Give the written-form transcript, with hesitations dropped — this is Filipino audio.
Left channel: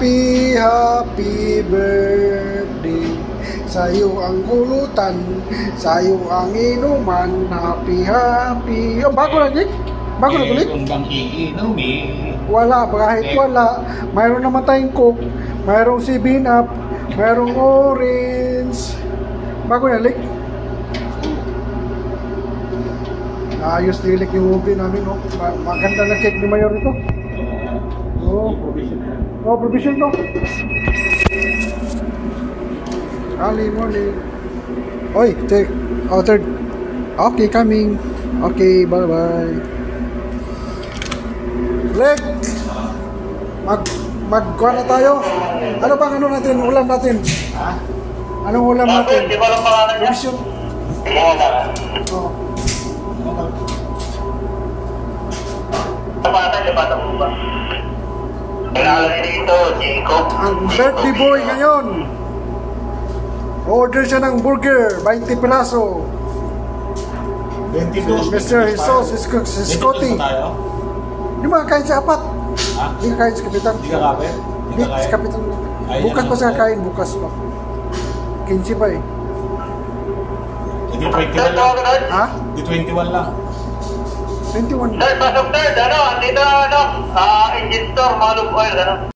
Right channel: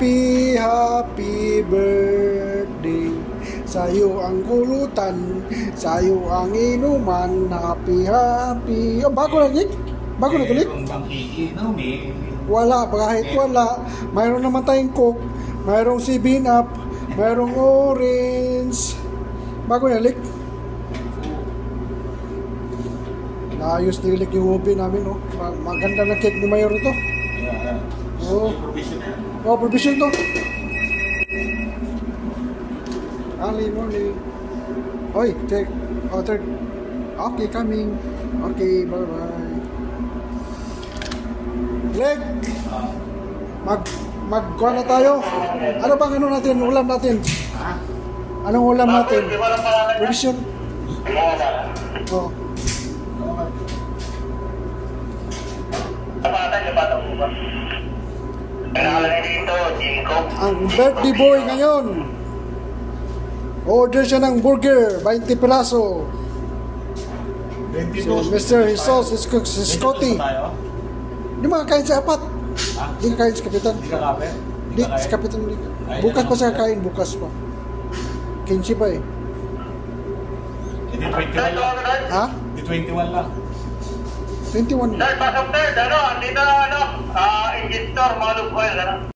Happy, happy birthday. Sa'yo ang kulutan, sa'yo ang inuman. Happy, happy. Oh, bago na, Nick? Bago na ulit? Kung bang iinumin. Wala, kahit wala. Mayroon naman tayong Coke, mayroong 7-Up, mayroong orange. Bago na, Nick? Naayos nilik yung movie namin, oh. Maganda na cake ni Mayor ito. Oh, oh, provision to. Early morning. Oy, check. Oh, third. Okay, coming. Okay, bye-bye. Greg! Magkuha na tayo. Ano bang ano natin? Ulam natin? Ha? Anong ulam natin? Di ba lang pangalan niya? Provision. Oh. Di ba ito ba? Kailangan dito, Jacob. Ang birthday boy ngayon. Order siya ng burger, 20 piraso. 22. Mr. Jesus is Scotty. Di ba kain sa apat? Ha? Hindi kain sa kapitan. Hindi ka kapit? Hindi sa kapitan. Bukas pa siya kain, bukas pa. 15 pa eh. Hindi 21 lang. Ha? Hindi 21 lang. 21. Third, pasok third, ano, andito, ano, engine store, Malub Oil, ano.